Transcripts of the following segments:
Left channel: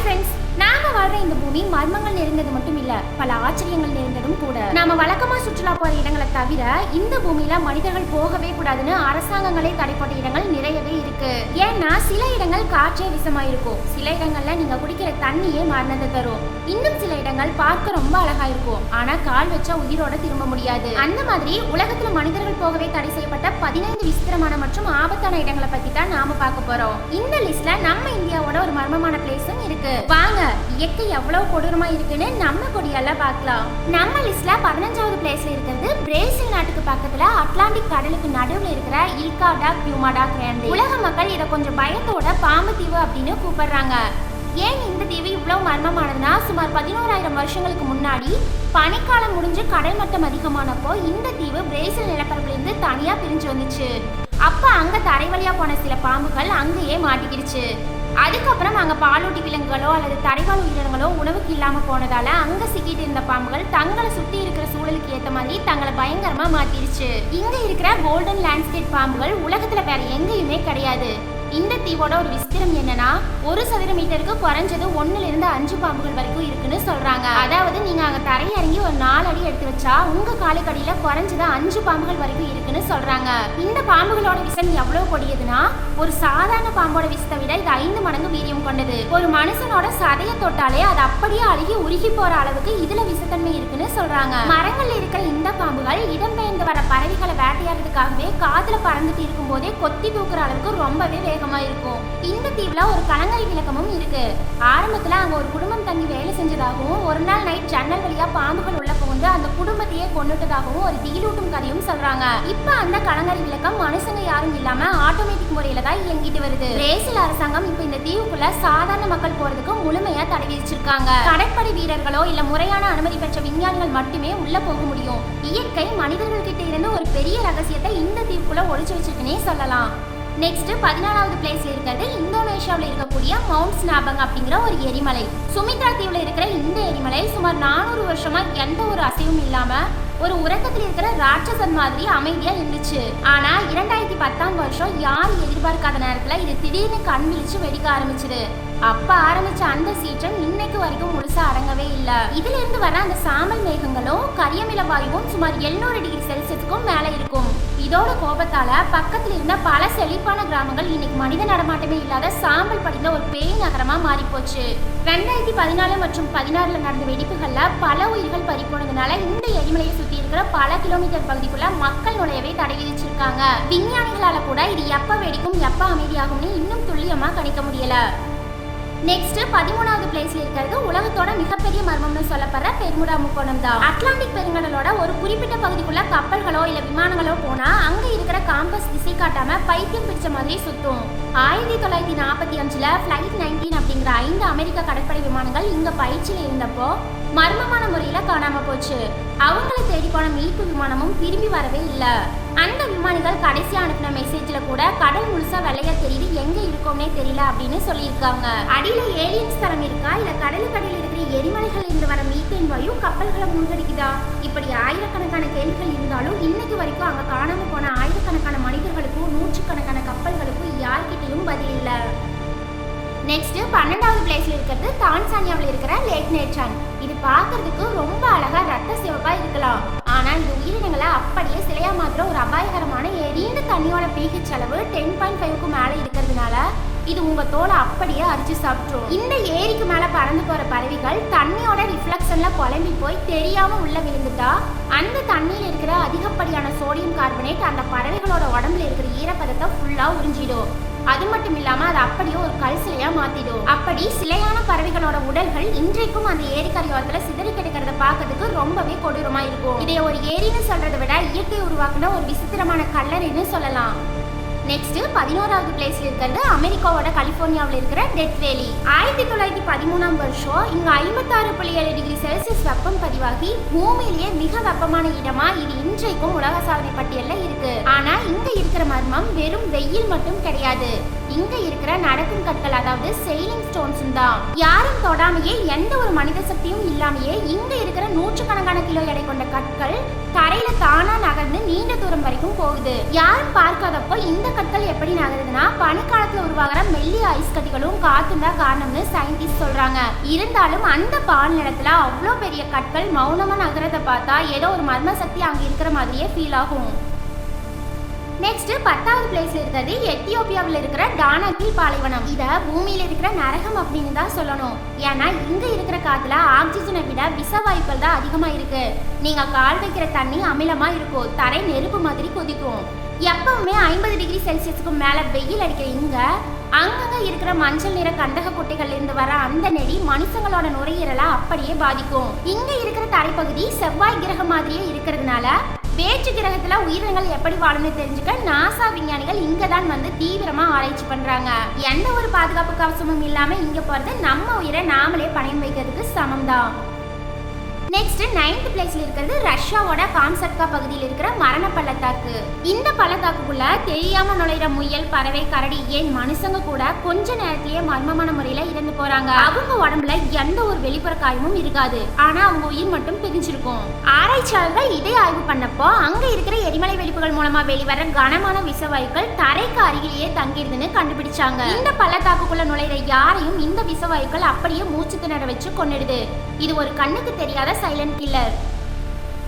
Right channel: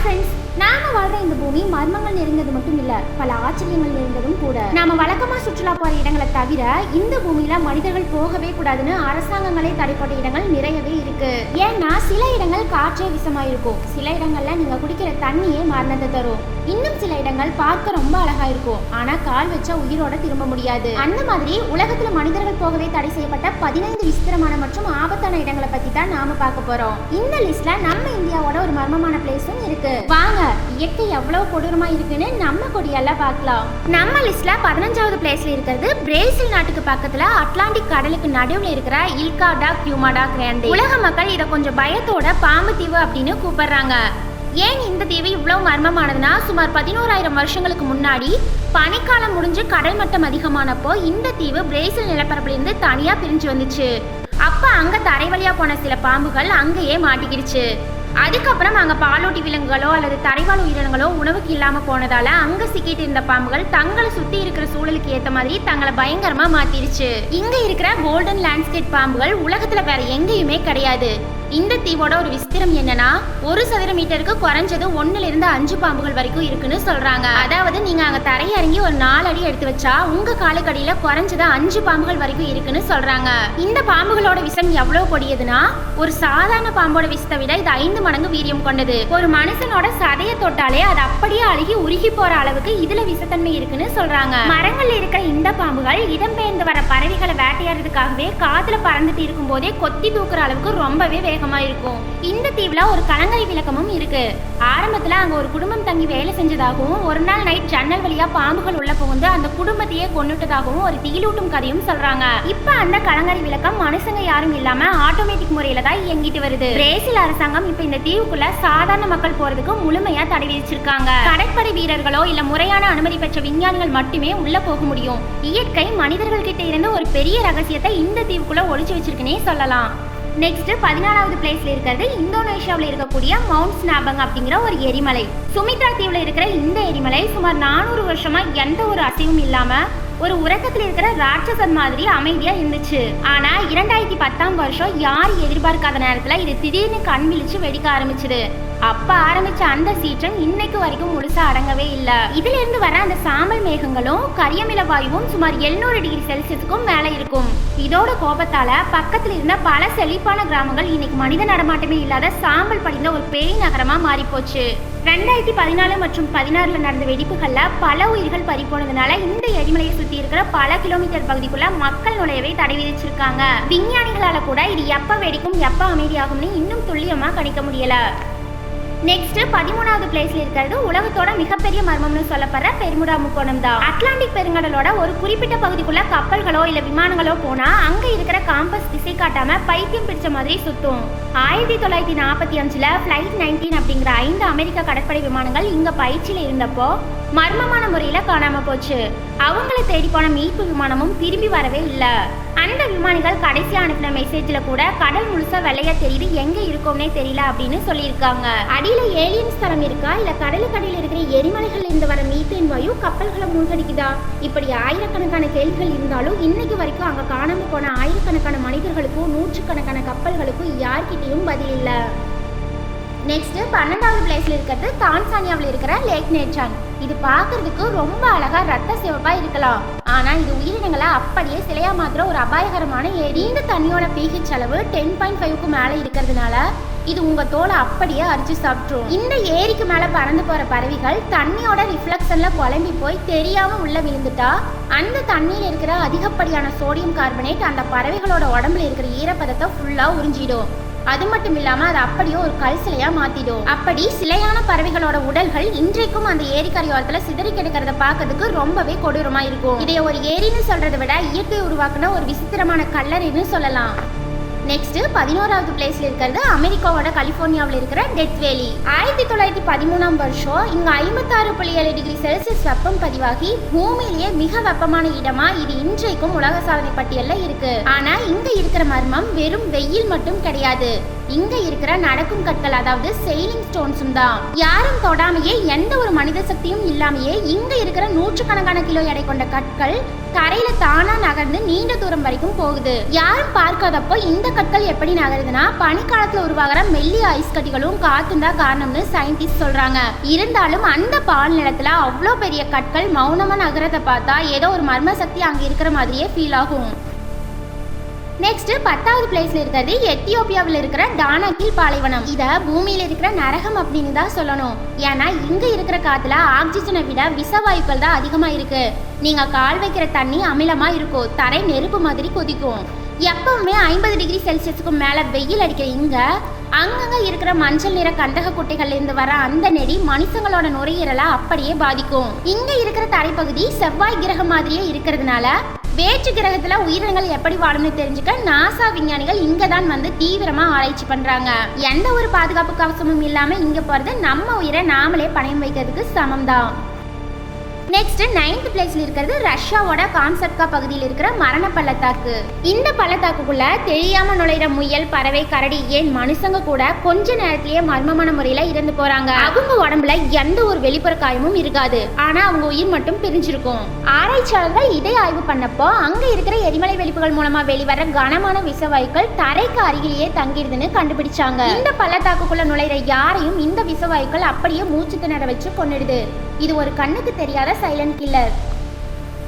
Hi friends, நாம வாழ்ற இந்த பூமி மர்மங்கள் நிறைந்தது மட்டும் இல்ல, பல ஆச்சரியங்கள் நிறைந்ததும் கூட. நாம வழக்கமா சுற்றுலா போற இடங்களை தவிர இந்த பூமியில மனிதர்கள் போகவே கூடாதுன்னு அரசாங்கங்களே தடை போட்ட இடங்கள் நிறையவே இருக்கு. ஏன்னா சில இடங்கள் காற்றே விஷமா இருக்கும், சில இடங்கள்ல நீங்க குடிக்கிற தண்ணியே மரணத்தை தரும், இன்னும் சில இடங்கள் பார்க்க ரொம்ப அழகா இருக்கும், ஆனா கால் வச்சா உயிரோட திரும்ப முடியாது. அந்த மாதிரி உலகத்துல மனிதர்கள் போகவே தடை செய்யப்பட்ட 15 விசித்திரமான மற்றும் ஆபத்தான இடங்களை பத்தி தான் நாம பார்க்க போறோம். இந்த லிஸ்ட்ல நம்ம இந்தியாவோட ஒரு மர்மமான பிளேஸும் இருக்கு. வாங்க இயற்கை எவ்வளவு கொடூரமா இருக்குன்னு நம்ம கொடியால பார்க்கலாம். நம்ம லிஸ்ட்ல 15வது பிளேஸ்ல இருக்கிறது பிரேசில் நாட்டுக்கு பக்கத்துல அட்லாண்டிக் கடலுக்கு நடுவுல இருக்கிற இல்கா டா கியூமாடா கிராண்டே. உலக மக்கள் இதை கொஞ்சம் பயத்தோட பாம்பு தீவு அப்படின்னு கூப்பிடுறாங்க. ஏன் இந்த தீவு இவ்வளவு மர்மமானதுன்னா, சுமார் 11,000 வருஷங்களுக்கு முன்னாடி பனிக்காலம் முடிஞ்சு கடல் மட்டம் அதிகமானப்போ இந்த தீவு பிரேசில் நிலப்பரப்புல இருந்து தனியா பிரிஞ்சு வந்துச்சு. அப்ப அங்க தரை வழியா போன சில பாம்புகள் அங்கேயே மாட்டிக்கிடுச்சு. அதுக்கப்புறம் அங்க பாலூட்டி விலங்குகளோ அல்லது தரைவாழ் உயிரினங்களோ உணவுக்கு இல்லாம போனதால அங்க சிக்கிட்டு இருந்த பாம்புகள் தங்களை சுத்தி இருக்கிற சூழலுக்கு ஏத்த மாதிரி தங்களை பயங்கரமா மாத்திருச்சு. இங்க இருக்கிற கோல்டன் லேண்ட்ஸ்கேப் பாம்புகள் உலகத்துல வேற எங்கேயுமே கிடையாது. இந்த தீவோட ஒரு விசித்திரம் என்னன்னா, 1 சதுர மீட்டருக்கு குறைஞ்சது 1ல இருந்து 5 பாம்புகள் வரைக்கும் இருக்குன்னு சொல்றாங்க. அதாவது நீங்க அங்க தரையிறங்கி ஒரு 4 அடி எடுத்து வச்சா உங்க காலுக்கடியில குறைஞ்சது 5 பாம்புகள் வரைக்கும் இருக்குன்னு சொல்றாங்க. இந்த பாம்புகளோட விஷம் எவ்வளவு கொடியதுன்னா, ஒரு சாதாரண பாம்போட விஷத்தை விட இது 5 மடங்கு வீரியம் கொண்டது. ஒரு மனுஷனோட சதையை தொட்டாலே அது அப்படியே அழுகி உருகி போற அளவுக்கு இதுல விஷத்தன்மை இருக்குன்னு சொல்றாங்க. மரங்கள்ல இருக்கிற இந்த பாம்புகள் இடம்பெயர்ந்து வர பறவைகளை வேட்டையாடுறதுக்காகவே காத்துல பறந்துட்டு இருக்கும் போதே கொத்தி தூக்குற அளவுக்கு ரொம்பவே இருக்கும். இந்த தீவுல ஒரு கலங்கரை விளக்கமும் இருக்கு. ஆரம்பத்துல அங்க ஒரு குடும்பம் தங்கி வேலை செஞ்சதாகவும், ஒரு நாள் நைட் ஜன்னல் வழியா பாம்புகள் உள்ள புகுந்து அந்த குடும்பத்தையே கொன்னுட்டதாகவும் ஒரு திகிலூட்டும் கதையும் சொல்றாங்க. இப்ப அந்த கலங்கரை விளக்கம் மனுஷங்க யாரும் இல்லாம ஆட்டோமேட்டிக் முறையில தான் இயங்கிட்டு வருது. பிரேசில் அரசாங்கம் இப்ப இந்த தீவுக்குள்ள சாதாரண மக்கள் போறதுக்கு முழுமையா தடை விதிச்சிருக்காங்க. கடற்படை வீரர்களோ இல்ல முறையான அனுமதி பெற்ற விஞ்ஞானிகள் மட்டுமே உள்ள போக முடியும். இயற்கை மனிதர்கள் கிட்ட இருந்து ஒரு பெரிய ரகசியத்தை இந்த தீவுக்குள்ள ஒளிச்சு வச்சிருக்குன்னே சொல்லலாம். நெக்ஸ்ட் 14வது பிளேஸ்ல இருக்கிறது இந்தோனேஷியாவில் இருக்கக்கூடிய மவுண்ட் ஸ்னாபங் அப்படிங்கிற ஒரு எரிமலை. சுமித்ரா தீவுல இருக்கிற இந்த எரிமலை சுமார் 400 வருஷமா எந்த ஒரு அசைவும் இல்லாம ஒரு உறக்கத்தில் இருக்கிற ராட்சசன் மாதிரி அமைதியா இருந்துச்சு. ஆனா 2010ஆம் வருஷம் யாரும் எதிர்பார்க்காத நேரத்துல இது திடீர்னு கண் விழிச்சு வெடிக்க ஆரம்பிச்சது. அப்ப ஆரம்பிச்ச அந்த சீற்றம் இன்னைக்கு வரைக்கும் முழுசா அடங்கவே இல்ல. இதுல இருந்து வர அந்த சாம்பல் மேகங்களும் கரியமில வாயுவும் சுமார் 700 டிகிரி செல்சியஸுக்கும் மேல இருக்கும். இதோட கோபத்தால பக்கத்துல இருந்த பல செழிப்பான கிராமங்கள் இன்னைக்கு மனித நடமாட்டமே இல்லாத சாம்பல் படிந்த ஒரு பேய் நகரமா மாறி போச்சு. 2014 மற்றும் 16ல நடந்த வெடிப்புகள்ல பல உயிர்கள் பறிப்போனதுனால இந்த எரிமலையை சுத்தி இருக்கிற பல கிலோமீட்டர் பகுதிக்குள்ள மக்கள் நுழையவே தடை விதிச்சிருக்காங்க. விஞ்ஞானிகளால கூட இது எப்ப வெடிக்கும் எப்ப அமைதியாகும்னு இன்னும் துல்லியமா கணிக்க முடியல. நெக்ஸ்ட் 13வது பிளேஸ்ல இருக்கிறது உலகத்தோட மிகப்பெரிய மர்மம்னு சொல்லப்படுற பெர்முடா முக்கோணம் தான். அட்லாண்டிக் பெருங்கடலோட ஒரு குறிப்பிட்ட பகுதிக்குள்ள கப்பல்களோ இல்ல விமானங்களோ போனா அங்க இருக்கிற காம்பஸ் திசை காட்டாம பைத்தியம் பிடிச்ச மாதிரி சுத்தும். 1945ல Flight 19 அப்படிங்கிற 5 அமெரிக்க கடற்படை விமானங்கள் இங்க பயிற்சியில இருந்தப்போ மர்மமான முறையில காணாம போச்சு. அவங்களை தேடி போன மீட்பு விமானமும் திரும்பி வரவே இல்ல. அந்த விமானிகள் கடைசியா அனுப்பின மெசேஜ்ல கூட கடல் முழுசா வெள்ளையா தெரியுது, எங்க இருக்கோம்னே தெரியல அப்படின்னு சொல்லியிருக்காங்க. அடியில ஏலியன்ஸ் தரம் இருக்கா இல்ல கடலுக்கு அடியில் இருக்கிற எரிமலைகள் இருந்து வர மீத்தேன் வாயு கப்பல்களை மூழ்கடிக்குதா? இப்படி ஆயிரக்கணக்கான கேள்விகள் இருந்தாலும் இன்னைக்கு வரைக்கும் அங்க காணாம போன ஆயிரக்கணக்கான மனிதர்களுக்கும் நூற்றுக்கணக்கான கப்பல்களுக்கும் யார்கிட்டையும் பதில் இல்ல. நெக்ஸ்ட் 12வது பிளேஸ்ல இருக்கிறது தான்சானியாவில் இருக்கிற லேக் நேச்சான். இது பார்க்கறதுக்கு ரொம்ப அழகா ரத்த சிவப்பா இருக்கலாம், ஆனா இது உயிரினங்களை அப்படியே சிலையா மாத்திர ஒரு அபாயகரமான ஏரி. இந்த தண்ணியோட pH அளவு 10.5க்கு மேல இருக்கிறதுனால இது உங்க தோலை அப்படியே அரிச்சு சாப்பிட்டுரும். இந்த ஏரிக்கு மேல பறந்து போற பறவைகள் தண்ணியோட ரிஃப்ளெக்ஷன்ல குழம்பி போய் தெரியாம உள்ள விழுந்துட்டா அந்த தண்ணியில இருக்கிற அதிகப்படியான சோடியம் கார்பனேட் அந்த பறவைகளோட உடம்புல இருக்கிற ஈரப்பதத்தை ஃபுல்லா உறிஞ்சிடும். அது மட்டும் இல்லாம அது அப்படியே ஒரு கல் சிலையா மாத்திடும். அப்படி சிலையான பறவைகளோட உடல்கள் இன்றைக்கும் அந்த ஏரிக்கரையோரத்துல சிதறி கிடக்கிறத பார்க்கறதுக்கு ரொம்பவே கொடூரமா இருக்கும். இதை ஒரு ஏரின்னு சொல்றதை விட இயற்கை உருவாக்குன ஒரு விசித்திரமான கல்லறைன்னு சொல்லலாம். நெக்ஸ்ட் 11வது பிளேஸ்ல இருக்கிறது அமெரிக்காவோட கலிபோர்னியாவில் இருக்கிற டெத் வேலி. 1913ஆம் வருஷம் இங்க 56.7 டிகிரி செல்சியஸ் வெப்பம் பதிவாகி பூமியிலேயே மிக வெப்பமான இடமா இது இன்றைக்கும் உலக சாதனை பட்டியல்ல இருக்கு. ஆனா இங்க இருக்கிற மர்மம் வெறும் வெயில் மட்டும் கிடையாது. இங்க இருக்கிற நடக்கும் கற்கள், அதாவது செயிலிங் ஸ்டோன்ஸும் தான். யாரும் தொடாமையே, எந்த ஒரு மனித சக்தியும் இல்லாமையே இங்க இருக்கிற நூற்றுக்கணக்கான கிலோ எடை கொண்ட கற்கள் தரையில தானா நகர்ந்து நீண்ட தூரம் வரைக்கும் போகுது. யாரும் பார்க்காதப்போ இந்த கற்கள் எப்படி நகருதுன்னா, பனிக்காலத்துல உருவாகிற மெல்லிய ஐஸ் கட்டிகளும் காத்தும் தான் காரணம்னு சயின்டிஸ்ட் சொல்றாங்க. இருந்தாலும் அந்த பால் நிலத்துல அவ்வளோ பெரிய கற்கள் மௌனமா நகரத்தை பார்த்தா ஏதோ ஒரு மர்ம சக்தி அங்க இருக்கிற மாதிரியே ஃபீல் ஆகும். நெக்ஸ்ட் 10வது பிளேஸ்ல இருக்கிறது எத்தியோப்பியாவில் இருக்கிற டானாகில் பாலைவனம். இத பூமியில இருக்கிற நரகம் அப்படின்னு தான் சொல்லணும். ஏன்னா இங்க இருக்கிற காத்துல ஆக்சிஜனை விட விஷ வாயுக்கள் தான் அதிகமா இருக்கு. நீங்க கால் வைக்கிற தண்ணி அமிலமா இருக்கும், தரை நெருப்பு மாதிரி கொதிக்கும். எப்பவுமே 50 டிகிரி செல்சியஸுக்கு மேல வெயில் அடிக்கிற இங்க அங்கங்க இருக்கிற மஞ்சள் நிற கந்தக குட்டைகள்ல இருந்து வர அந்த நெடி மனுஷங்களோட நுரையீரலை அப்படியே பாதிக்கும். இங்க இருக்கிற தரைப்பகுதி செவ்வாய் கிரகம் மாதிரியே இருக்கிறதுனால வேற்று கிரகத்துல உயிரினங்கள் எப்படி வாழும்னு தெரிஞ்சுக்க நாசா விஞ்ஞானிகள் இங்க தான் வந்து தீவிரமா ஆராய்ச்சி பண்றாங்க. எந்த ஒரு பாதுகாப்பு கவசமும் இல்லாம இங்க போறது நம்ம உயிரை நாமளே பணயம் வைக்கிறதுக்கு சமம் தான். நெக்ஸ்ட் 9th பிளேஸ்ல இருக்கிறது ரஷ்யாவோட கான்செப்கா பகுதியில் இருக்கிற மரண பள்ளத்தாக்கு. இந்த பள்ளத்தாக்குக்குள்ள தெரியாம நுழைற முயல், பறவை, கரடி, ஏன் மனுஷங்க கூட கொஞ்ச நேரத்திலேயே மர்மமான முறையில இறந்து போறாங்க. அவங்க உடம்புல எந்த ஒரு வெளிப்புற காயமும் இருக்காது, ஆனா அவங்க உயிர் மட்டும் பிரிஞ்சிருக்கும். ஆராய்ச்சியாளர்கள் இதை ஆய்வு பண்ணப்போ அங்க இருக்கிற எரிமலை வெடிப்புகள் மூலமா வெளிவர கனமான விஷவாயுக்கள் தரைக்கு அருகிலேயே தங்கிடுதுன்னு கண்டுபிடிச்சாங்க. இந்த பள்ளத்தாக்குக்குள்ள நுழைற யாரையும் இந்த விஷவாயுக்கள் அப்படியே மூச்சு திணற வச்சு கொன்னிடுது. இது ஒரு கண்ணுக்கு தெரியாத சைலண்ட் கில்லர்.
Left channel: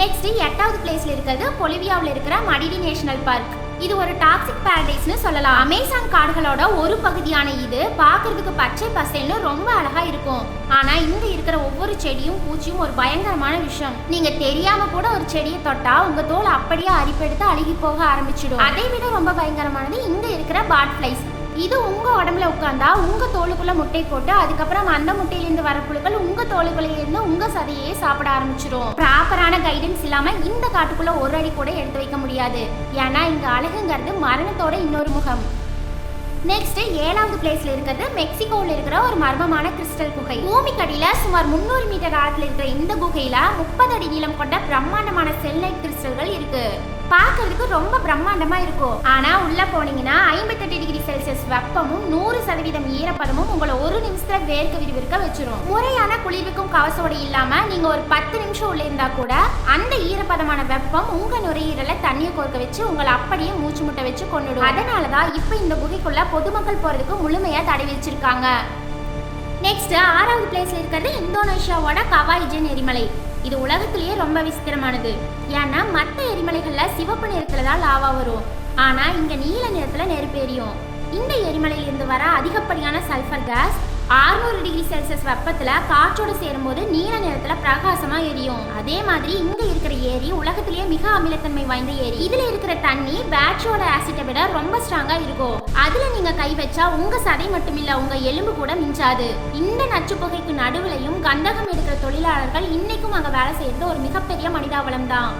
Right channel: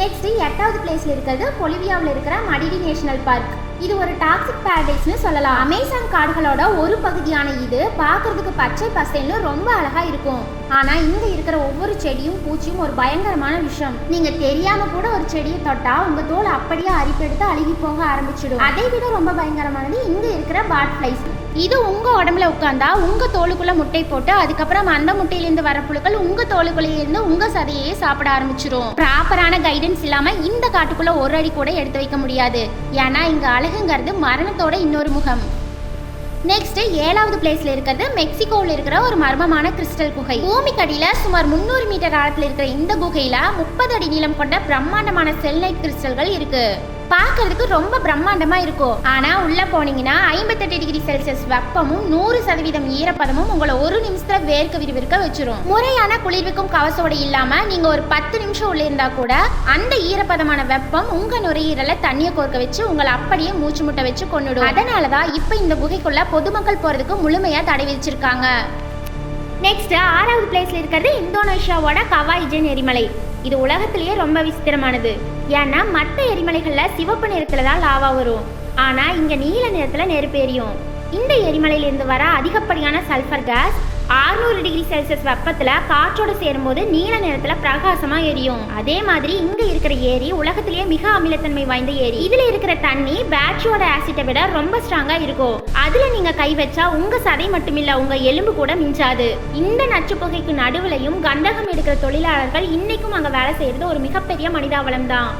நெக்ஸ்ட் 8வது பிளேஸ்ல இருக்கிறது பொலிவியாவில் இருக்கிற மடிடி நேஷனல் பார்க். இது ஒரு டாக்ஸிக் பாரடைஸ்னு சொல்லலாம். அமேசான் காடுகளோட ஒரு பகுதியான இது பார்க்கறதுக்கு பச்சை பசேல்னு ரொம்ப அழகா இருக்கும். ஆனா இங்க இருக்கிற ஒவ்வொரு செடியும் பூச்சியும் ஒரு பயங்கரமான விஷயம். நீங்க தெரியாம கூட ஒரு செடியை தொட்டா உங்க தோல் அப்படியே அரிப்பெடுத்து அழுகி போக ஆரம்பிச்சிடும். அதை விட ரொம்ப பயங்கரமானது இங்க இருக்கிற பாட் ஃபிளைஸ். இது உங்க உடம்புல உட்கார்ந்தா உங்க தோலுக்குள்ள முட்டை போட்டு அதுக்கப்புறம் அந்த முட்டையிலிருந்து வர புழுக்கள் உங்க தோலுக்குள்ள இருந்து உங்க சதையே சாப்பிட ஆரம்பிச்சிடும். ப்ராப்பரான கைடன்ஸ் இல்லாம இந்த காட்டுக்குள்ள ஒரு அடி கூட எடுத்து வைக்க முடியாது. ஏன்னா இங்க அழகுங்கிறது மரணத்தோட இன்னொரு முகம். நெக்ஸ்ட் 7வது பிளேஸ்ல இருக்கிறது மெக்சிகோவில் இருக்கிற ஒரு மர்மமான கிறிஸ்டல் குகை. பூமிக்கடியில சுமார் 300 மீட்டர் ஆழத்தில் இருக்கிற இந்த குகையில 30 அடி நீளம் கொண்ட பிரம்மாண்டமான செல்லைட் கிறிஸ்டல்கள் இருக்கு. பார்க்கறதுக்கு ரொம்ப பிரம்மாண்டமா இருக்கும். ஆனா உள்ள போனீங்கன்னா 58 டிகிரி செல்சியஸ் வெப்பமும் 100% ஈரப்பதமும் உங்களை ஒரு நிமிஷத்துல வேர்க்க விறுவிறுக்க வச்சிரும். முறையான குளிர்விக்கும் கவசோட இல்லாம நீங்க ஒரு 10 நிமிஷம் உள்ள இருந்தா கூட அந்த ஈரப்பதமான வெப்பம் உங்க நுரையீரல தண்ணியை கோர்க்க வச்சு உங்களை அப்படியே மூச்சு முட்டை வச்சு கொன்னுடும். அதனாலதான் இப்ப இந்த குகைக்குள்ள பொதுமக்கள் போறதுக்கு முழுமையா தடை விதிச்சிருக்காங்க. நெக்ஸ்ட் 6வது பிளேஸ்ல இருக்கிறது இந்தோனேஷியாவோட கவாய்ஜன் எரிமலை. இது உலகத்திலேயே ரொம்ப விசித்திரமானது. ஏன்னா மற்ற எரிமலைகள்ல சிவப்பு நிறத்துல தான் லாவா வரும், ஆனா இங்க நீல நிறத்துல நெருப்பு எரியும். இந்த எரிமலையிலிருந்து வர அதிகப்படியான சல்ஃபர் கேஸ் 600 டிகிரி செல்சியஸ் வெப்பத்துல காற்றோடு சேரும்போது நீல நிறத்துல பிரகாசமா எரியும். அதே மாதிரி இங்க இருக்கிற ஏரி உலகத்திலேயே மிக அமிலத்தன்மை வாய்ந்த ஏரி. இதுல இருக்கிற தண்ணி பேட்டரியோட ஆசிட்டை விட ரொம்ப ஸ்ட்ராங்கா இருக்கும். அதுல நீங்க கை வச்சா உங்க சதை மட்டுமில்ல உங்க எலும்பு கூட மிஞ்சாது. இந்த நச்சு புகைக்கு நடுவுலையும் கந்தகம் எடுக்கிற தொழிலாளர்கள் இன்னைக்கும் அங்க வேலை செய்யறது ஒரு மிகப்பெரிய மனிதாவளம் தான்.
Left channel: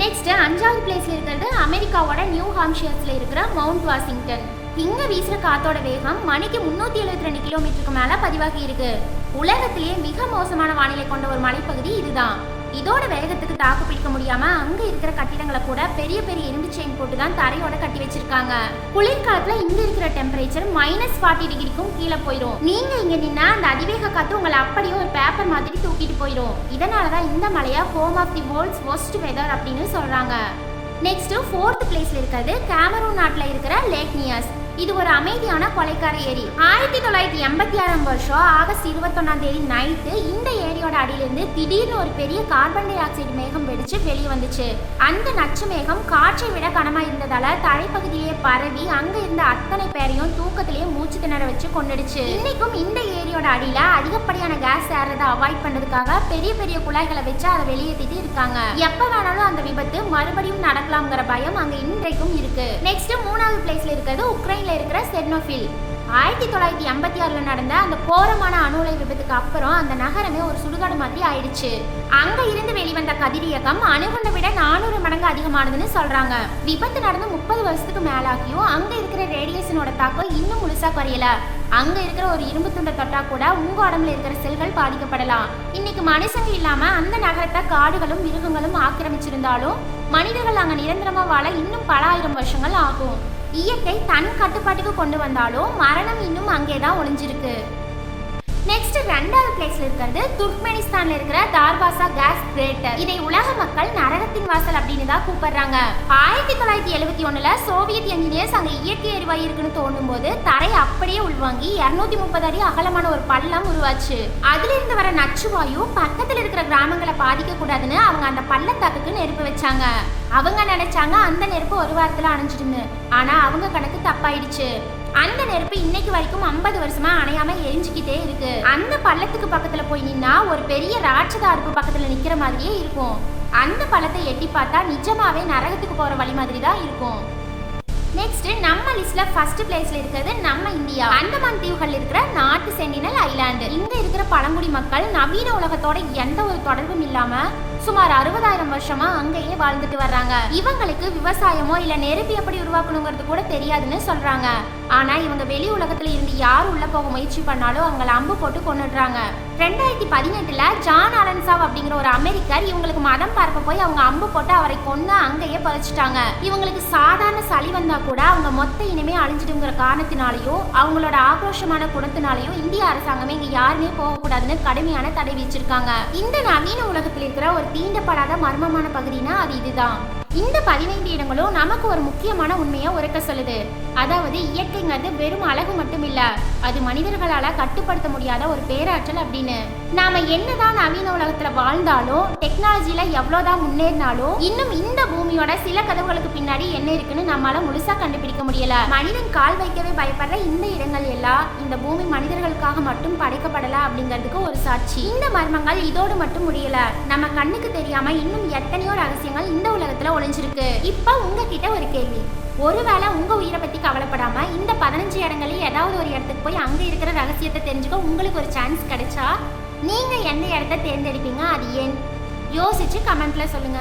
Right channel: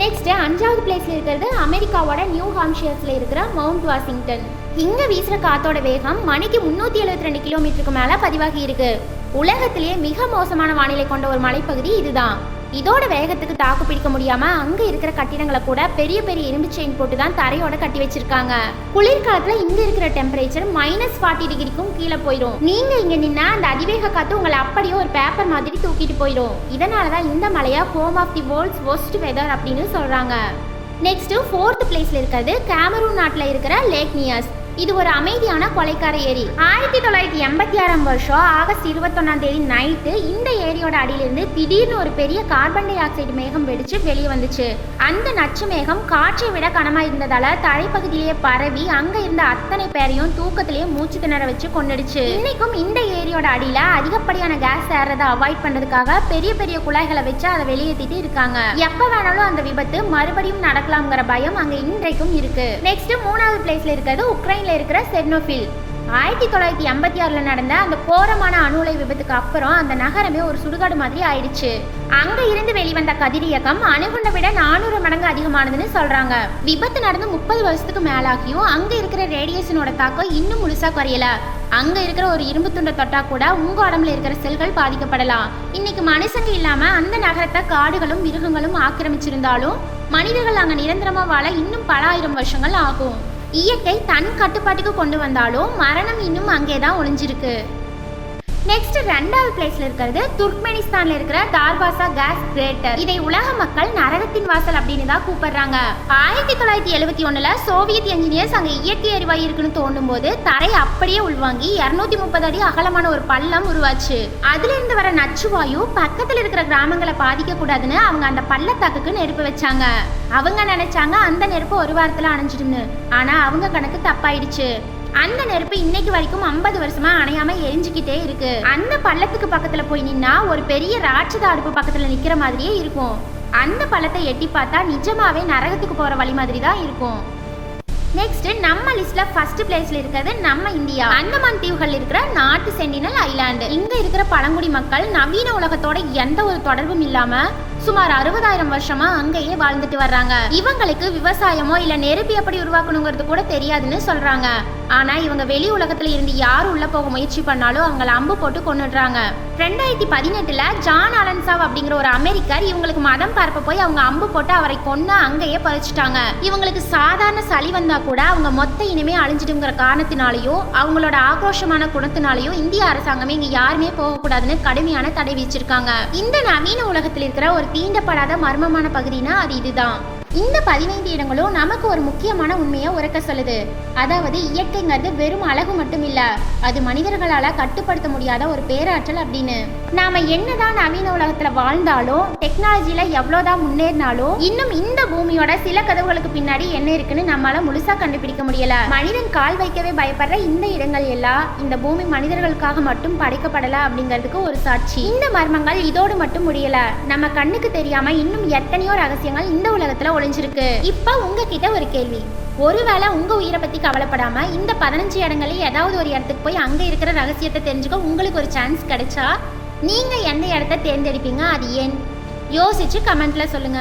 நெக்ஸ்ட் 5வது பிளேஸ்ல இருக்கிறது அமெரிக்காவோட நியூ ஹாம்ஷியர்ஸ்ல இருக்கிற மவுண்ட் வாஷிங்டன். இங்க வீசுற காத்தோட வேகம் மணிக்கு 372 கிலோமீட்டருக்கு மேல பதிவாகி இருக்கு. உலகத்திலேயே மிக மோசமான வானிலை கொண்ட ஒரு மலைப்பகுதி இதுதான். இதோட வேகத்துக்கு தாக்கு பிடிக்க முடியாம அங்க இருக்கிற கட்டிடங்களை கூட பெரிய பெரிய இரும்பு செயின் போட்டு தான் தரையோட கட்டி வச்சிருக்காங்க. குளிர்காலத்துல இங்க இருக்கிற டெம்பரேச்சர் -40 டிகிரிக்கும் கீழே போயிடும். நீங்க இங்க நின்னா அந்த அதிவேக காத்து உங்களை அப்படியே ஒரு பேப்பர் மாதிரி தூக்கிட்டு போயிடும். இதனாலதான் இந்த மலையா home of the world's worst weather அப்படின்னு சொல்றாங்க. நெக்ஸ்ட் 4th பிளேஸ்ல இருக்கிறது கேமரூன் நாட்டுல இருக்கிற லேக் நியாஸ். இது ஒரு அமைதியான கொலைக்கார ஏரி. 1986 வருஷம் ஆகஸ்ட் 21 நைட்டு இந்த ஏரியோட அடியிலிருந்து திடீர்னு ஒரு பெரிய கார்பன் டை ஆக்சைடு மேகம் வெடிச்சு வெளியே வந்துச்சு. அந்த நச்சு மேகம் காற்றை விட கனமா இருந்ததால தரைப்பகுதியிலேயே பரவி அங்க இருந்த அத்தனை பேரையும் தூக்கத்திலேயே மூச்சு திணற வச்சு கொண்டுடுச்சு. இன்னைக்கும் இந்த ஏரியோட அடியில அதிகப்படியான கேஸ் ஏறதை அவாய்ட் பண்றதுக்காக பெரிய பெரிய குழாய்களை வச்சு அதை வெளியேற்றிட்டு இருக்காங்க. எப்ப வேணாலும் அந்த விபத்து மறுபடியும் நடக்கலாம்ங்கிற பயம் அங்க இன்றைக்கும் இருக்கு. நெக்ஸ்ட் 3வது பிளேஸ்ல இருக்கிறது உக்ரைன் இருக்கிற செர்னோபில். 1986 நடந்த அந்த கோரமான அணு உலை விபத்துக்கு அப்புறம் அந்த நகரமே ஒரு சுடுகாடு மாதிரி ஆயிடுச்சு. அங்க இருந்து வெளிவந்த கதிரியக்கம் அணுகுண்டை விட 400 மடங்கு அதிகமானதுன்னு சொல்றாங்க. விபத்து நடந்து 30 வருஷத்துக்கு மேலாகியும் அங்க இருக்கிற ரேடியேஷனோட தாக்கம் இன்னும் முழுசா குறையல. அங்க இருக்கிற ஒரு இரும்பு துண்டை தொட்டா கூட உங்க உடம்புல இருக்கிற செல்கள் பாதிக்கப்படலாம். இன்னைக்கு மனுஷங்க இல்லாம அந்த நகரத்தை காடுகளும் மிருகங்களும் ஆக்கிரமிச்சிருந்தாலும் மனிதர்கள் அங்க நிரந்தரமா வாழ இன்னும் பல ஆயிரம் வருஷங்கள் ஆகும். இயற்கை தன் கட்டுப்பாட்டுக்கு கொண்டு வந்தாலும் மரணம் இன்னும் அங்கேதான் ஒளிஞ்சிருக்கு. நெக்ஸ்ட் 2வது பிளேஸ்ல இருக்கிறது துர்க்மெனிஸ்தான்ல இருக்கிற தார்வாசா கேஸ் கிரேட்டர். இதை உலக மக்கள் நரகத்தின் வாசல் அப்படின்னு தான் கூப்பிடுறாங்க. 1971ல சோவியத் என்ஜினியர்ஸ் அங்க இயற்கை எரிவாயு இருக்குன்னு தோண்டும் போது தரை அப்படியே உள்வாங்கி 230 அடி அகலமான ஒரு பள்ளம் உருவாச்சு. அதுல இருந்து வர நச்சுவாயு பக்கத்துல இருக்கிற கிராமங்களை பாதிக்க கூடாதுன்னு அவங்க அந்த பள்ளத்தாக்குக்கு நெருப்பு வச்சாங்க. அவங்க நினைச்சாங்க அந்த நெருப்பு ஒரு வாரத்துல அணைஞ்சிடுன்னு. ஆனா அவங்க கணக்கு தப்பாயிடுச்சு. அந்த நெருப்பு இன்னைக்கு வரைக்கும் 50 வருஷமா அணையாம எரிஞ்சுக்கிட்டே இருக்கு. அந்த பள்ளத்துக்கு பக்கத்துல போய் நின்னா ஒரு பெரிய ராட்சத அடுப்பு பக்கத்துல நிக்கிற மாதிரியே இருக்கும். அந்த பள்ளத்தை எட்டி பார்த்தா நிஜமாவே நரகத்துக்கு போற வழி மாதிரி தான் இருக்கும். நெக்ஸ்ட் நம்ம லிஸ்ட்ல ஃபர்ஸ்ட் பிளேஸ்ல இருக்கிறது நம்ம இந்தியா. அந்தமான் தீவுகள் இருக்கிற நார்த் சென்டினல் ஐலாண்டு. இங்க இருக்கிற பழங்குடி மக்கள் நவீன உலகத்தோட எந்த ஒரு தொடர்பும் இல்லாம சுமார் 60,000 வருஷமா அங்கேயே வாழ்ந்துட்டு வர்றாங்க. இவங்களுக்கு விவசாயமோ இல்ல நெருப்பு எப்படி உருவாக்கணுங்கிறது கூட தெரியாதுன்னு சொல்றாங்க. ஆனா இவங்க வெளி உலகத்துல இருந்து யாரும் உள்ள போக முயற்சி பண்ணாலும் அவங்கள அம்பு போட்டு கொன்னுடுறாங்க. 2018ல ஜான் ஆலன்சாவ் அப்படிங்கிற ஒரு அமெரிக்கர் இவங்களுக்கு மதம் பரப்ப போய் அவங்க அம்பு போட்டு அவரை கொன்னு அங்கேயே பறிச்சுட்டாங்க. இவங்களுக்கு சாதாரண சளி வந்தா கூட அவங்க மொத்த இனிமே அழிஞ்சிடுங்கிற காரணத்தினாலையும் அவங்களோட ஆக்ரோஷமான குணத்தினாலையும் இந்திய அரசாங்கமே இங்க யாருமே போகக்கூடாதுன்னு கடுமையான தடை விதிச்சிருக்காங்க. இந்த நவீன உலகத்தில் இருக்கிற ஒரு தீண்டப்படாத மர்மமான பகுதினா அது இதுதான். இந்த 15 இடங்களும் நமக்கு ஒரு முக்கியமான உண்மையை உரைக்க சொல்லுது. அதாவது இயற்கைங்கிறது வெறும் அழகு மட்டும் இல்ல, அது மனிதர்களால கட்டுப்படுத்த முடியாத ஒரு பேராற்றல் அப்படின்னு. நாம என்னதான் நவீன உலகத்துல வாழ்ந்தாலும் டெக்னாலஜில எவ்வளவுதான் முன்னேறினாலும் இன்னும் இந்த பூமியோட சில கதவுகளுக்கு பின்னாடி என்ன இருக்குன்னு நம்மளால முழுசா கண்டுபிடிக்க முடியல. மனிதன் கால் வைக்கவே பயப்படுற இந்த இடங்கள் எல்லாம் இந்த பூமி மனிதர்களுக்காக மட்டும் படைக்கப்படல அப்படிங்கிறதுக்கு ஒரு சாட்சி. இந்த மர்மங்கள் இதோடு மட்டும் முடியல. நம்ம கண்ணுக்கு தெரியாம இன்னும் எத்தனையோ ரகசியங்கள் இந்த உலகத்துல ஒளிஞ்சிருக்கு. இப்ப உங்ககிட்ட ஒரு கேள்வி. ஒருவேளை உங்க உயிரை பத்தி கவலைப்படாம இந்த 15 இடங்களில் ஏதாவது ஒரு இடத்துக்கு போய் அங்க இருக்கிற ரகசியத்தை தெரிஞ்சுக்க உங்களுக்கு ஒரு சான்ஸ் கிடைச்சா நீங்க எந்த இடத்த தேர்ந்தெடுப்பீங்க? அது ஏன்? யோசிச்சு கமெண்ட்ல சொல்லுங்க.